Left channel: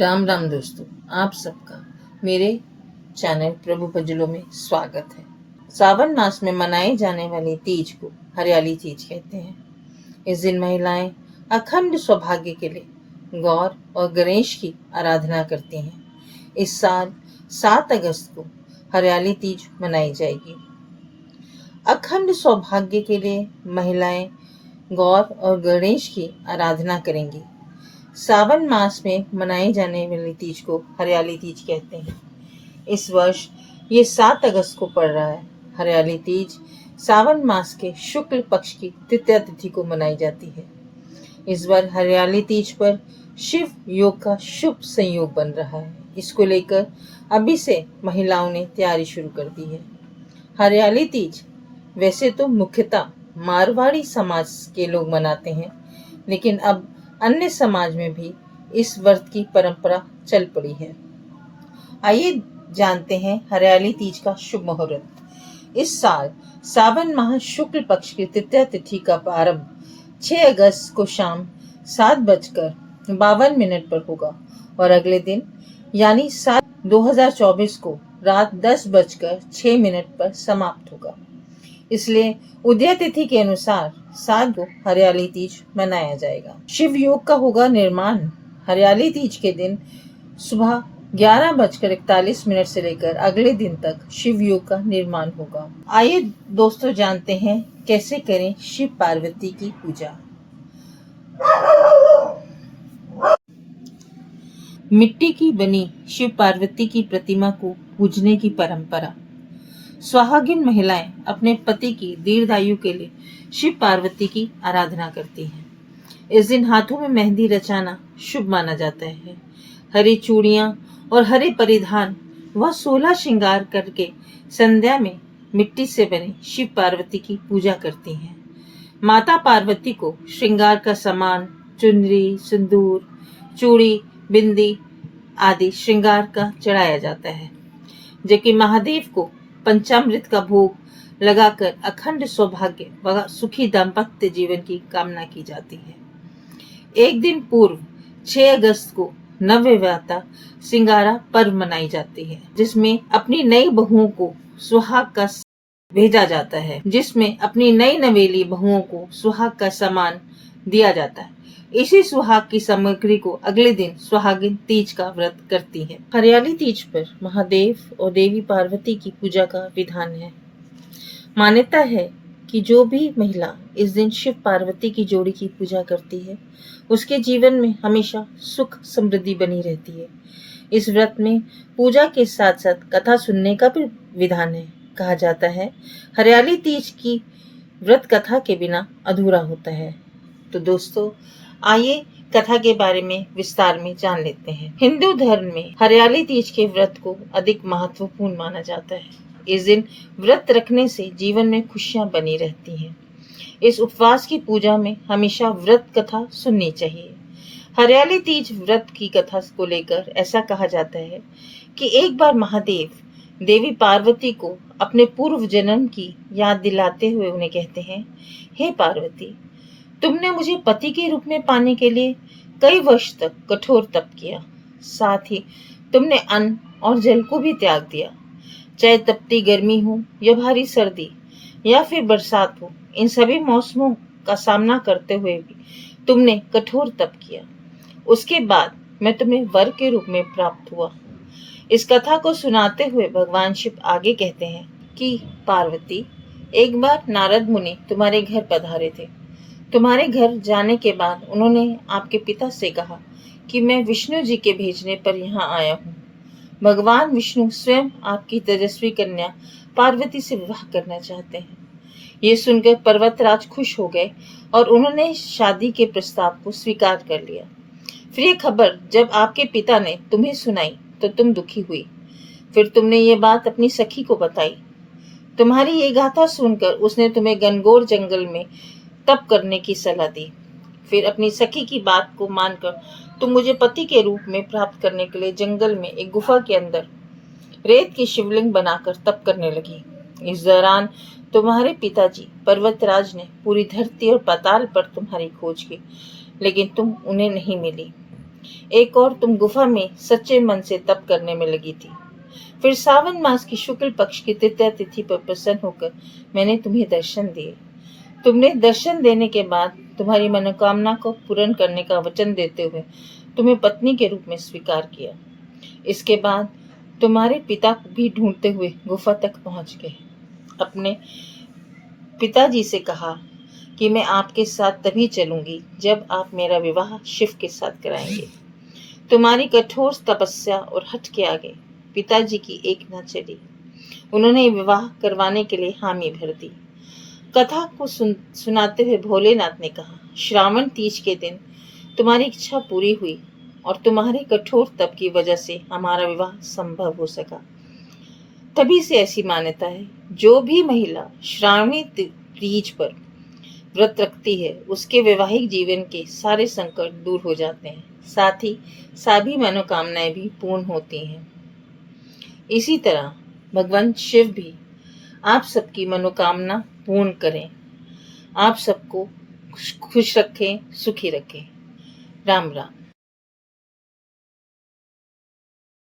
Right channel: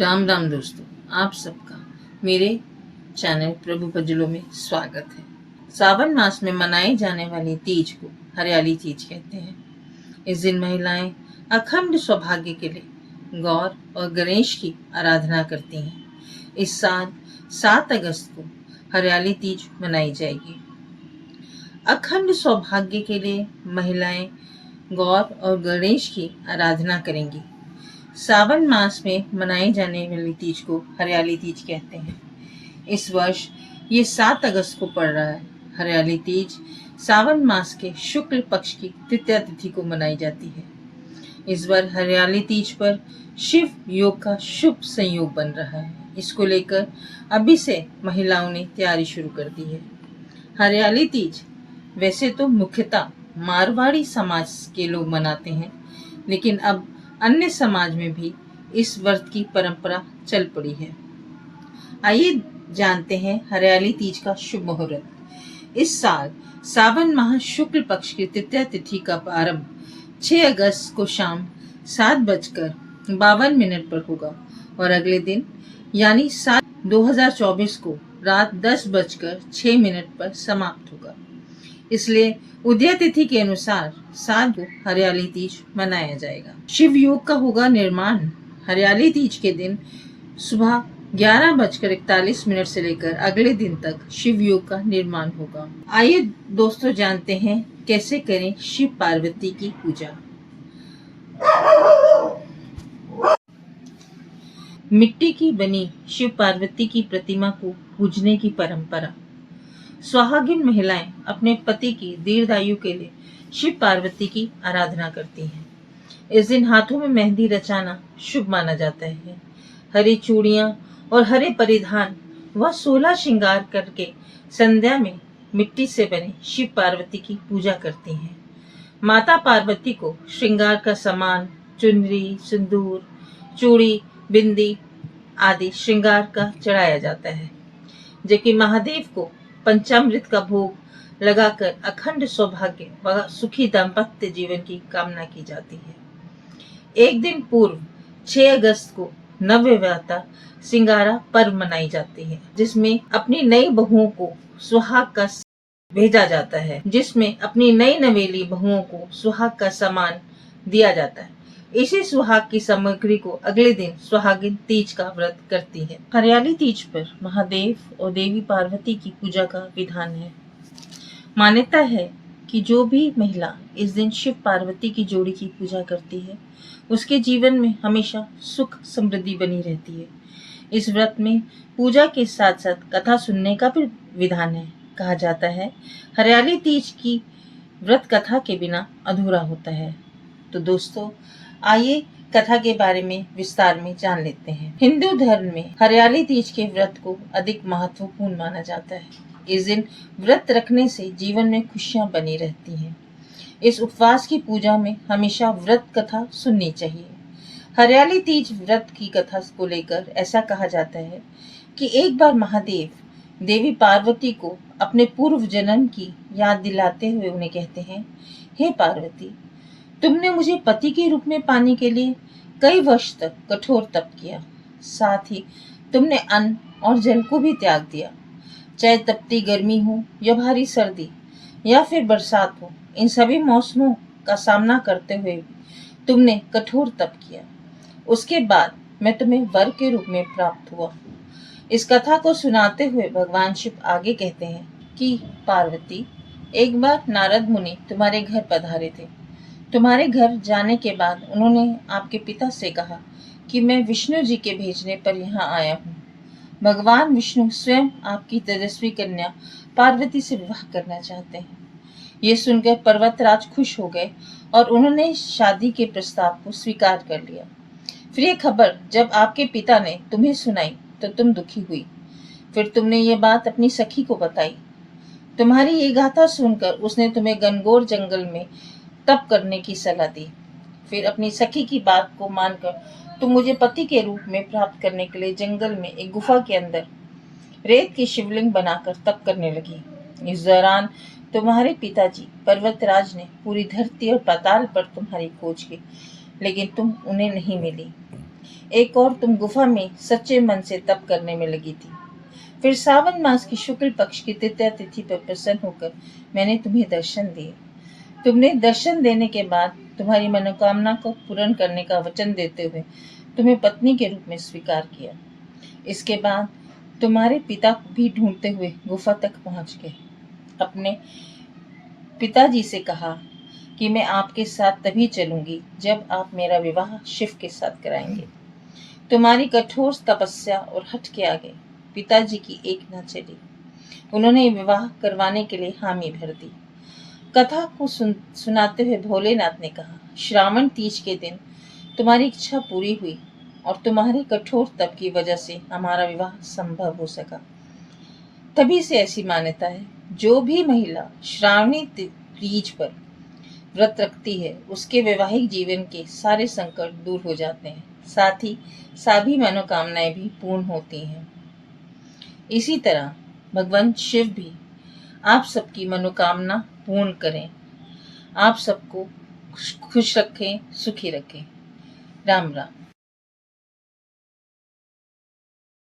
राम राम दोस्तों, आप सबका मेरे चैनल प्रभु भजलों में स्वागत है। सावन मास में मनाई जाने वाली तीज को हरियाली तीज कहते हैं। इस दिन महिलाएं अखंड सौभाग्य के लिए गौर और गणेश की आराधना करती हैं। इस साल 7 अगस्त को हरियाली तीज मनाई जाएगी। अखंड सौभाग्य के लिए महिलाएं गौर और गणेश की आराधना करेंगी। सावन मास में मनाई जाने वाली तीज को हरियाली तीज कहते हैं। इस वर्ष ये 7 अगस्त को पड़ रहा है। हरियाली तीज सावन मास के शुक्ल पक्ष की तृतीया तिथि को मनाई जाती है। इस बार हरियाली तीज पर शिव योग का शुभ संयोग बन रहा है। इसको लेकर अभी से महिलाओं ने तैयारी शुरू कर दी है। हरियाली तीज वैसे तो मुख्यतः मारवाड़ी समाज के लोग मनाते हैं, लेकिन अब अन्य समाज में भी इस व्रत की परंपरा चल पड़ी है। आइए जानते हैं हरियाली तीज का शुभ मुहूर्त। इस साल सावन माह शुक्ल पक्ष की तृतीया तिथि का प्रारंभ 6 अगस्त को शाम 7:52 पर होगा और अगले दिन यानी 7/2024 को रात 10:06 पर समाप्त होगा। इसलिए उदय तिथि के अनुसार 7 को हरियाली तीज मनाया जाएगा। शिव योग का होगा निर्माण। हरियाली तीज के दिन सुबह 11:41 से लेकर अगले दिन तक शिव योग का निर्माण होगा। आइए दोस्तों जानते हैं कैसे करें शिव पार्वती की पूजा। मिट्टी की बनी शिव पार्वती की प्रतिमा को पूजने की परंपरा। सुहागिन महिलाएं अपने पति की दीर्घायु के लिए शिव पार्वती की आराधना करती हैं। इस दिन हाथों में मेहंदी रचाना शुभ माना जाता है। हरी चूड़ियां और हरे परिधान व 16 श्रृंगार करके संध्या में मिट्टी से बने शिव पार्वती की पूजा करती हैं। माता पार्वती को श्रृंगार का सामान चुनरी, सिंदूर, चूड़ी, बिंदी आदि श्रृंगार का चढ़ाया जाता है, जबकि महादेव को पंचामृत का भोग लगाकर अखंड सौभाग्य व सुखी दाम्पत्य जीवन की कामना की जाती है। एक दिन पूर्व 6 अगस्त को नवविवाहिता सिंगारा पर्व मनाई जाती है, जिसमें अपनी नई बहुओं को सुहाग का भेजा जाता है, जिसमें अपनी नई नवेली बहुओं को सुहाग का सामान दिया जाता है। इसी सुहाग की सामग्री को अगले दिन सुहागिन तीज का व्रत करती है। हरियाली तीज पर महादेव और देवी पार्वती की पूजा का विधान है। मान्यता है कि जो भी महिला इस दिन शिव पार्वती की जोड़ी की पूजा करती है, उसके जीवन में हमेशा सुख समृद्धि बनी रहती है। इस व्रत में पूजा के साथ साथ कथा सुनने का भी विधान है। कहा जाता है हरियाली तीज की व्रत कथा के बिना अधूरा होता है। तो दोस्तों आइए कथा के बारे में विस्तार में जान लेते हैं। हिंदू धर्म में हरियाली तीज के व्रत को अधिक महत्वपूर्ण माना जाता है। इस दिन व्रत रखने से जीवन में खुशियां बनी रहती हैं। इस उपवास की पूजा में हमेशा व्रत कथा सुननी चाहिए। हरियाली तीज व्रत की कथा को लेकर ऐसा कहा जाता है कि एक बार महादेव देवी पार्वती को अपने पूर्व जन्म की याद दिलाते हुए उन्हें कहते हैं, हे पार्वती, तुमने मुझे पति के रूप में पाने के लिए कई वर्ष तक कठोर तप किया। साथ ही तुमने अन्न और जल को भी त्याग दिया। चाहे तपती गर्मी हो या भारी सर्दी या फिर बरसात हो, इन सभी मौसमों का सामना करते हुए भी तुमने कठोर तप किया। उसके बाद मैं तुम्हें वर के रूप में प्राप्त हुआ। इस कथा को सुनाते हुए भगवान शिव आगे कहते हैं कि पार्वती, एक बार नारद मुनि तुम्हारे घर पधारे थे। तुम्हारे घर जाने के बाद उन्होंने आपके पिता से कहा कि मैं विष्णु जी के भेजने पर यहाँ आया हूँ। भगवान विष्णु स्वयं आपकी तेजस्वी कन्या पार्वती से विवाह करना चाहते हैं। ये सुनकर पर्वतराज खुश हो गए और उन्होंने शादी के प्रस्ताव को स्वीकार कर लिया। फिर ये खबर जब आपके पिता ने तुम्हें सुनाई तो तुम दुखी हुई। फिर तुमने ये बात अपनी सखी को बताई। तुम्हारी ये गाथा सुनकर उसने तुम्हें घनघोर जंगल में तप करने की सलाह दी। फिर अपनी सखी की बात को मानकर तुम मुझे पति के रूप में प्राप्त करने के लिए जंगल में एक गुफा के अंदर रेत की शिवलिंग बनाकर तप करने लगी। इस दौरान तुम्हारे पिताजी पर्वतराज ने पूरी धरती और पाताल पर तुम्हारी खोज की, लेकिन तुम उन्हें नहीं मिली। एक और तुम गुफा में सच्चे मन से तप करने में लगी थी। फिर सावन मास की शुक्ल पक्ष की तृतीया तिथि पर प्रसन्न होकर मैंने तुम्हें दर्शन दिए। तुमने दर्शन देने के बाद तुम्हारी मनोकामना को पूर्ण करने का वचन देते हुए तुम्हें पत्नी के रूप में स्वीकार किया। इसके बाद तुम्हारे पिता को भी ढूंढते हुए गुफा तक पहुंच गए। अपने पिताजी से कहा कि मैं आपके साथ तभी चलूंगी जब आप मेरा विवाह शिव के साथ कराएंगे। तुम्हारी कठोर तपस्या और हठ के आगे पिताजी की एक न चली। उन्होंने विवाह करवाने के लिए हामी भर दी। कथा को सुनाते हुए भोलेनाथ ने कहा, श्रावण तीज के दिन तुम्हारी इच्छा पूरी हुई और तुम्हारे कठोर तप की वजह से हमारा विवाह संभव हो सका। तभी से ऐसी मान्यता है, जो भी महिला श्रावणी तीज पर व्रत रखती है उसके वैवाहिक जीवन के सारे संकट दूर हो जाते हैं, साथ ही सभी मनोकामनाएं भी पूर्ण होती हैं। इसी तरह भगवान शिव भी आप सबकी मनोकामना पूर्ण करें, आप सबको खुश रखें, सुखी रखें। राम राम।